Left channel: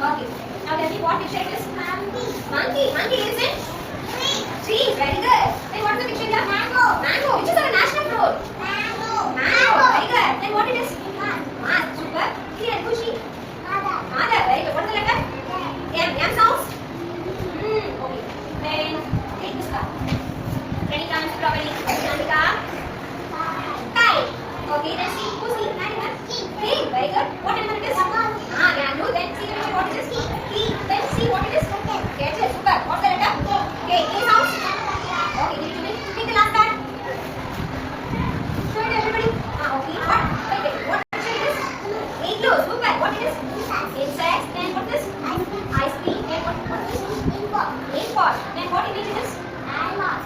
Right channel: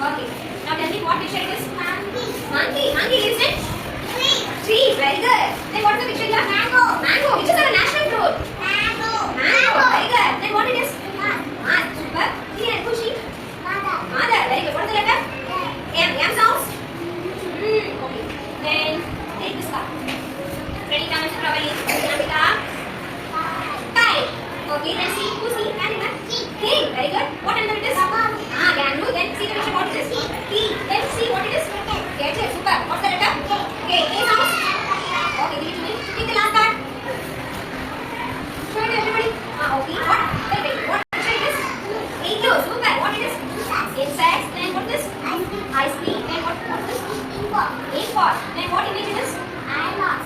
Okay. Now tell me what picture it is? Monkey. Monkey lives in tree. Very good. Then what is the picture here? Mango. Mango. Which is our national fruit? Mango. Very good. Then what it is? Super. Here, Kushi. Mother. Very good. What is the letter? M. M sounds? Okay. Then take this card. Ready? Come and strawberry. Nandita. Kite. Okay. Then see. Who's he? Animal. King. Very good. What animal it is? Gangu. Then see the picture. What it is? Key. Then see what it is? Gadget. Super. What's the letter? K. K sounds? Okay. Give it to me. Take the last card. Show it to everybody. Okay. What? Wait. What picture it is? Igloo. Super. What it is? Insects. Then what is this? Ice cream. Then what is this? Ink pot. Then what image it is?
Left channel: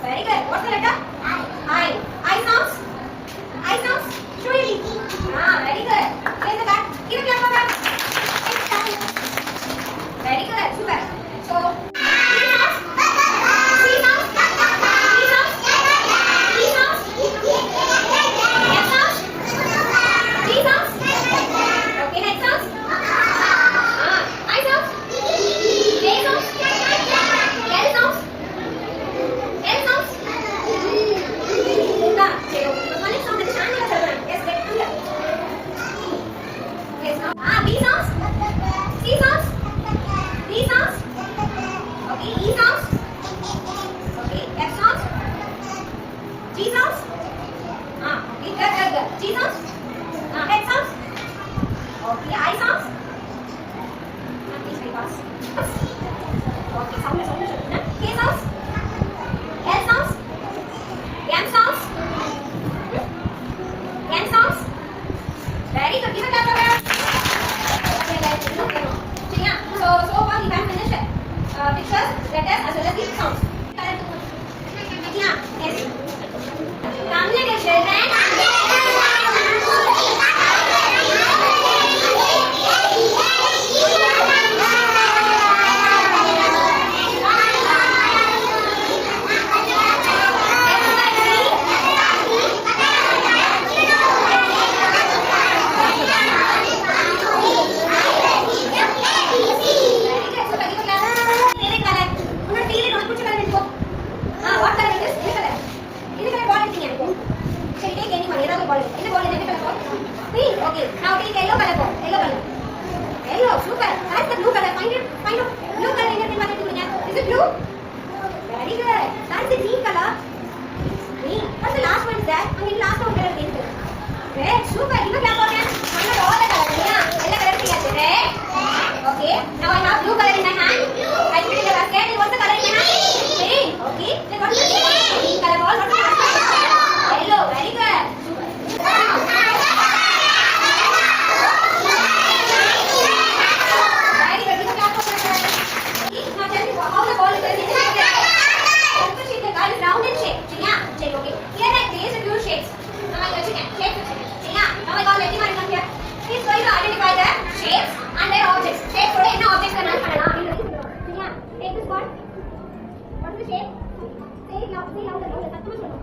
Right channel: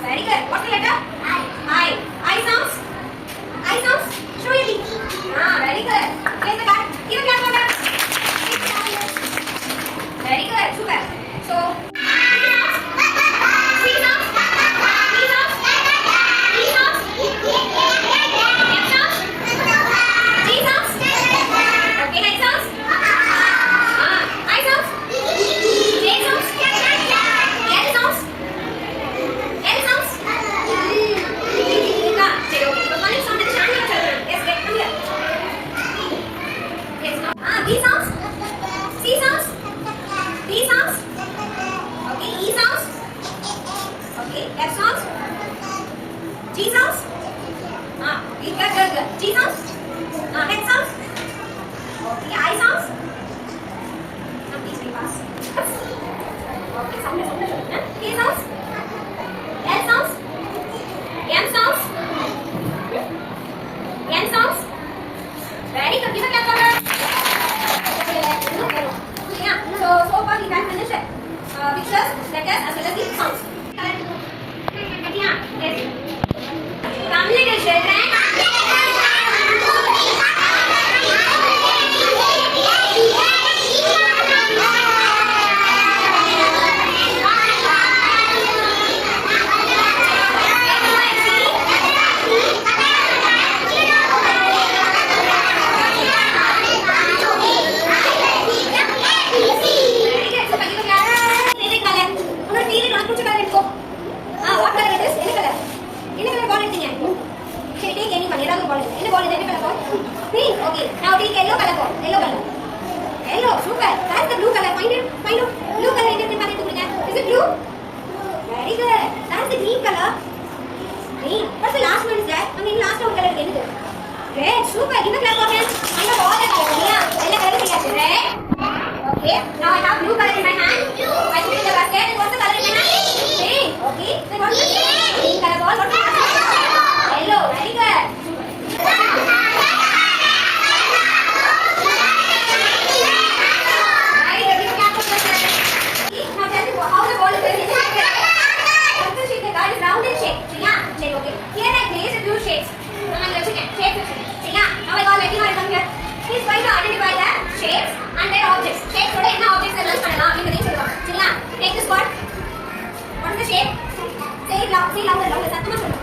Very good. What's the letter? I. I sounds? I sounds? Show it. Very good. Here's the card. Give a clap for that. Very good. Super. So, three sounds. Three sounds. Three sounds. F sounds. G sounds. Okay, head sounds. I sounds. J sounds. L sounds. L sounds. B sounds. C sounds. D sounds. Okay, E sounds. Okay, F sounds. G sounds. Okay, good. G sounds. Head sounds. Okay, I sounds. Please very fast. Okay, sound. K sounds. L sounds. M sounds. N sounds. Very good. Give a clap for her. Yeah. So far we can finish it. Pictures, letters, as well as the sounds. Yeah. Yes. Come, little children. Okay, now take yellow color ball. Yellow, super. That's the blue color. Find it. Blue color in the bucket. Is it blue? Very good. That's the green color. Green. What's the last one is that? I mean, last one color is red. Super. Give a clap for him. Find all the colors. Yellow color is red. Okay. Now I have blue color in my hand. I put it in the basket. And what's the color in my hand? Pink. Okay. Then what's the green color ball? What's the color? Yellow. Very good. Round in shape. Okay. Here I place a few shapes. Now I let you know come here. He's going to identify the shapes and their objects. Shapes today என்ன objects என்ன பண்ணலாம் அப்படிங்கறதை சொல்றோம். சரியா? Take this word. What is the shape? Say it loud. Say louder. சத்தமா சொல்லு.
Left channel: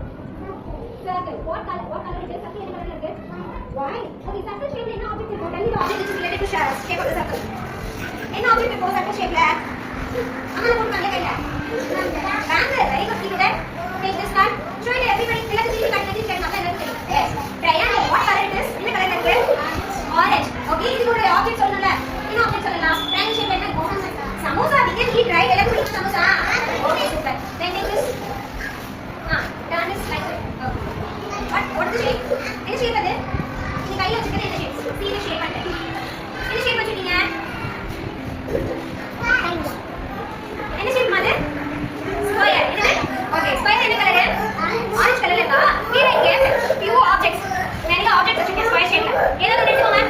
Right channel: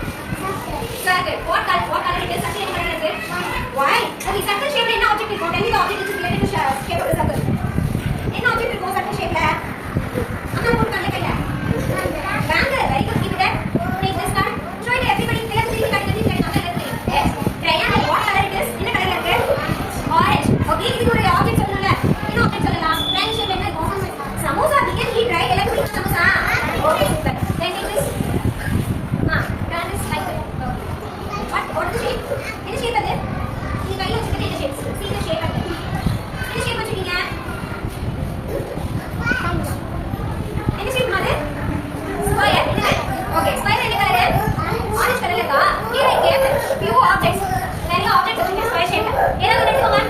Circle. What color it is? Circle என்ன color இருக்கு? White. Okay, circle shape ல என்ன object இருக்கும்? Tell me the object which is related to shape of the circle. என்ன object இருக்கும் circle shape ல? அம்மா போட்டு கண்ட கையில. Bangle. Very good. Keep it there. Take this one. Show it to everybody. Yes. Triangle. What color it is? என்ன கலர்ல இருக்கு? Orange. Okay, இது ஒரு ஆப்ஜெக்ட் சொல்லணும்ல. என்ன ஆப்ஜெக்ட் சொல்லலாம்? Triangle shape என்ன இருக்கும்? Samosa. We can eat, right? எல்லாரும் eat samosa. Okay, super. Then take this. Turn this like that. What is the shape? என்ன shape அது? நீ கையில வச்சிருக்கிறது என்ன shape? See the shape அது. என்ன shape வச்சிருக்கீங்க? என்ன shape அது? Square. Okay, square என்ன கலர்? Orange color இருக்கா? Here I kept few objects. நிறைய objects வச்சிருக்கேன் square shape ல. ஏதாவது எடுத்துக்கோங்க.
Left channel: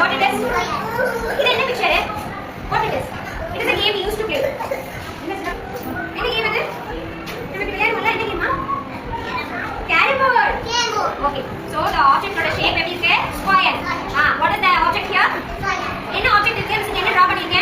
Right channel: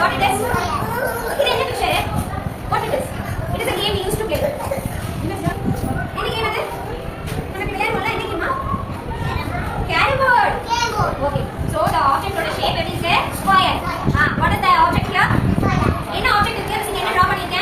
What it is? இது என்ன picture? What it is? It is a game we used to play. என்ன game அது? நம்ம விளையாடுவோம்ல என்ன கேமா? Carrom board. Okay. So the object ஓட shape எப்படி இருக்கு? Square. What is the object here? என்ன object இருக்கு? நீங்க என்ன draw பண்ணிருக்கீங்க?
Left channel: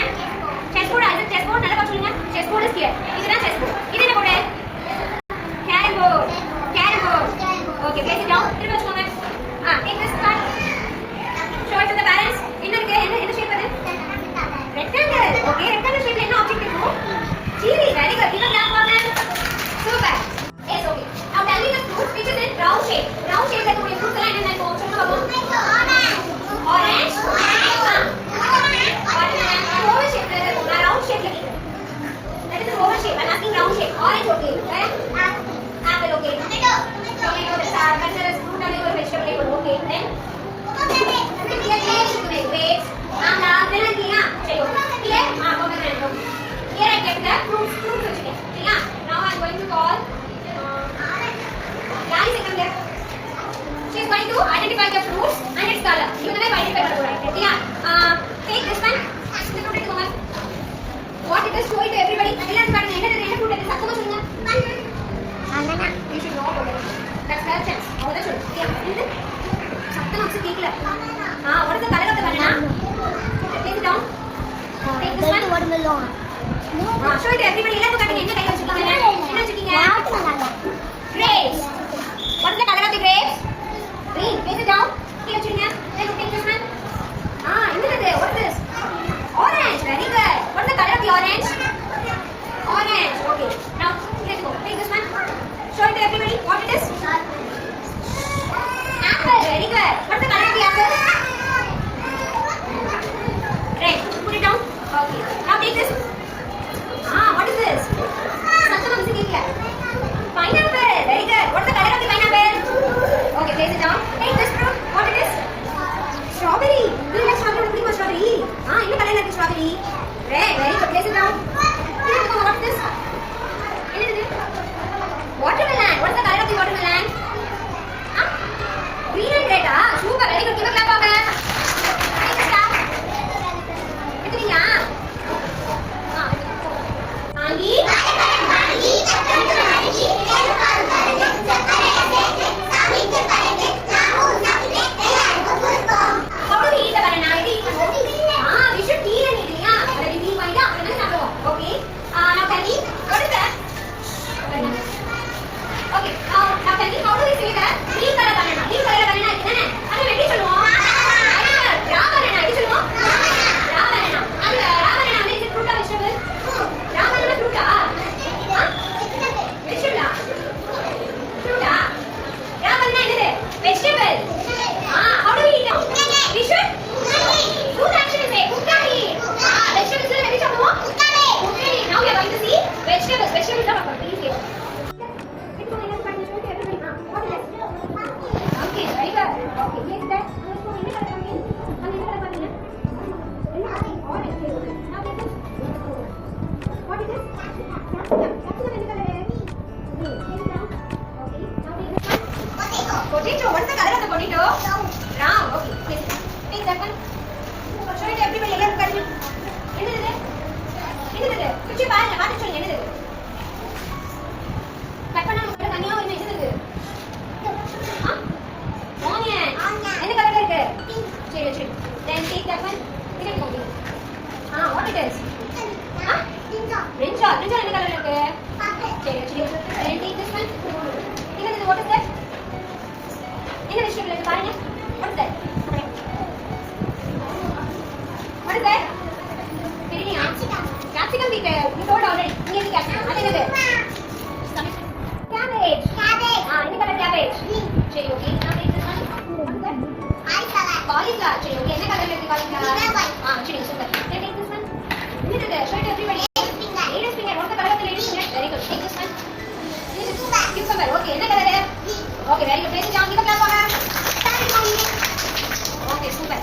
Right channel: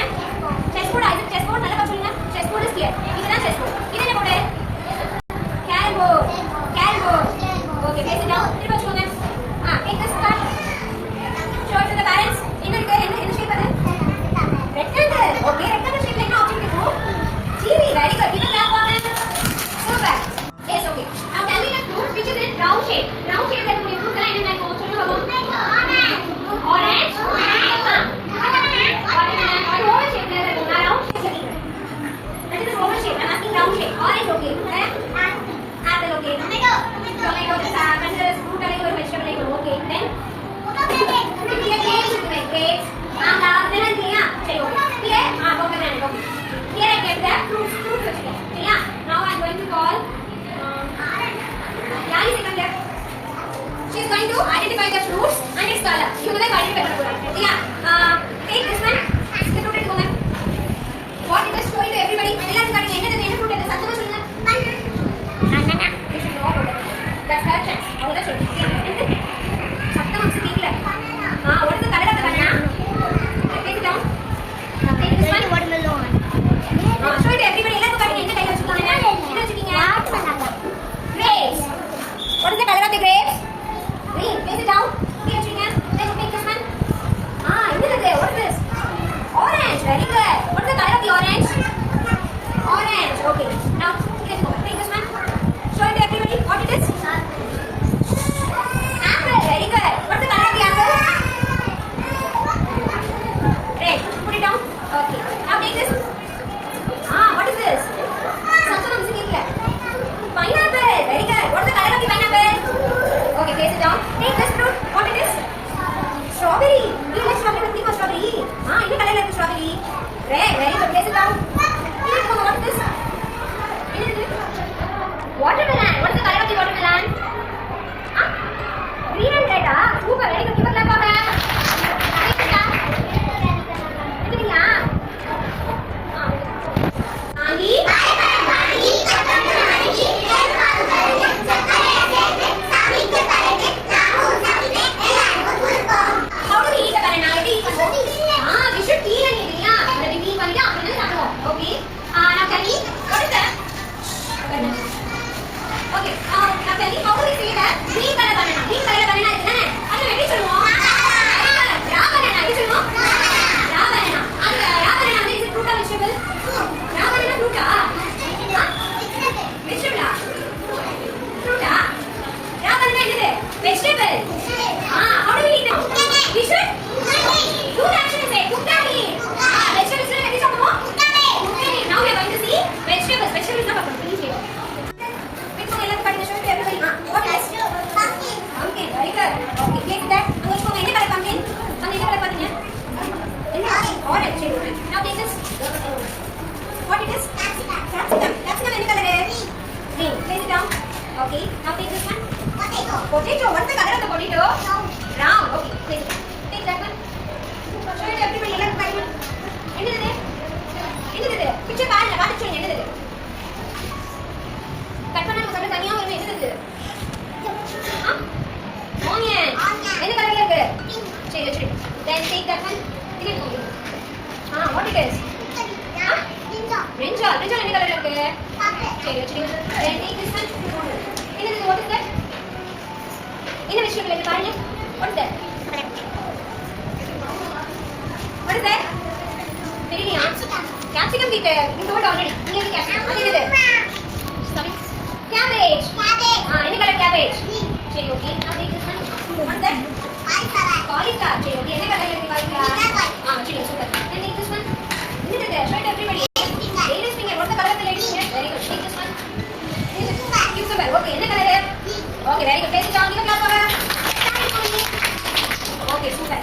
Orange. Now take this. What it is? Capsicum. Capsicum any color is? Green. Place it down. Okay. Now take this one. Potato. Potato. What's the color of the potato? Brown. Okay. Place it down. Take that one. Show it everybody. Everybody. என்னது என்னது picture பாருங்க பாத்து சொல்லுங்க என்னது cut பண்ண நம்ம தனியா வருமே என்னது ஆனியன் என்ன கலர்ல இருக்கு சரி சரி then take that one இது போடு what it is brinjal என்ன கலர்ல இருக்கு சரி சரி then take this one என்னது what is that என்ன vegetable இருக்கு பாருங்க what is that what is that தெரியலையா capsicum we told already இங்க இருக்கு capsicum அது என்னது cabbage என்ன கலர் cabbage சரி okay now take this one what is that cauliflower சரி ஓகே என்ன கலர்ல இருக்கு cauliflower சரி super then take this one என்னது show it everybody ladies finger what the color of the ladies finger very good take this one this is cucumber okay என்ன colour okay very good place it down give a clap for her okay super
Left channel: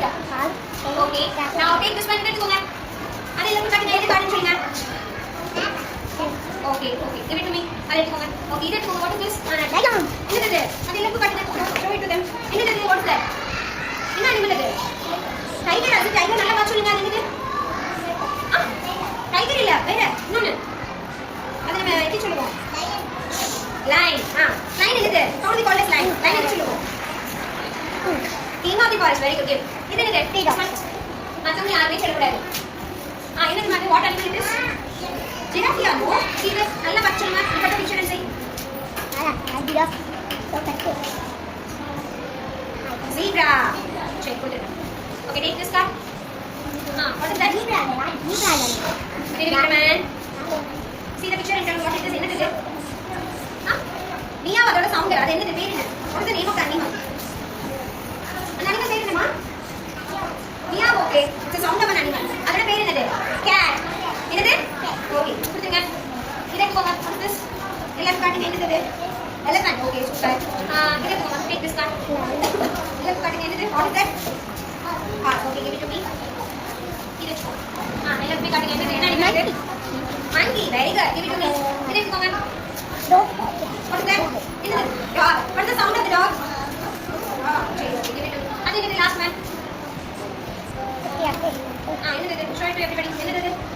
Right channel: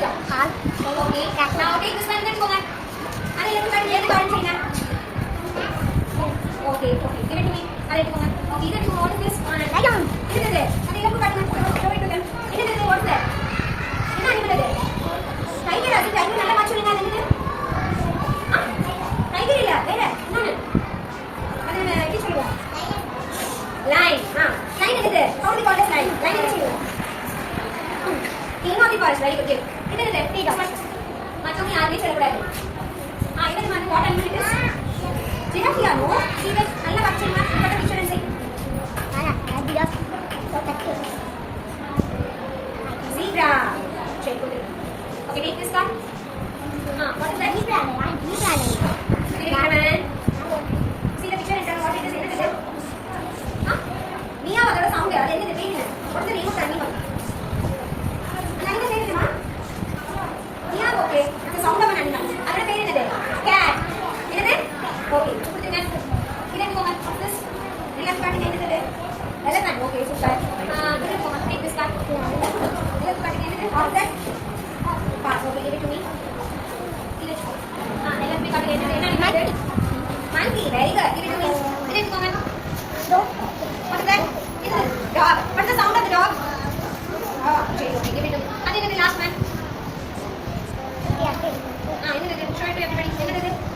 Okay, now take this one. Let's go back. And then let me back to the Okay, give it to me. Let's go back. Okay, let's go. What is this? Lion. Look at this. Okay, let's go back. Show it to them. What's that? What animal is it? Tiger. Is it tiger? Nalla watch சொல்லுங்க அது என்னது? Tiger இல்ல, வேற. இன்னொன்னு. அது நம்ம எப்படி சொல்லுவோம்? Lion. Lion என்னது? How do we call this lion? Lion என்ன சொல்லுவோம்? King of the forest. Very good. இது என்னது? Tiger. மத்தவங்க யாருமே சொல்லக்கூடாது. என்னது மாதிரி what animal it is? Giraffe ya no? See this? நல்லா watch சொல்லுங்க. இந்த picture and say. Giraffe. Zebra. Check put it. Okay, take this card. What is that? Zebra. Very good, man. See the picture and tell what it is. என்னது இது? மியா அதோட sound அது என்னது பேர் என்ன? What is the name of the animal? அந்த animal பேர் என்னமா? மியா okay. It's a sound of an animal. அதோட பேர் என்னது? Cat. என்னது? Okay. புரியுதுங்க? இதெல்லாம் போங்க. What is this? Elephant card என்னது? Elephant. Okay, super. இதெல்லாம் போங்க. Take this card. Elephant card என்னது? What is that? Okay, give it to me. இது elephant card என்னது? என்ன animal? Monkey. Very good. Give it to me. இதெல்லாம் போங்க. What is that? Dog. What is the sound of the dog? Okay, give it to me. I think it's the last one. Show it to everybody.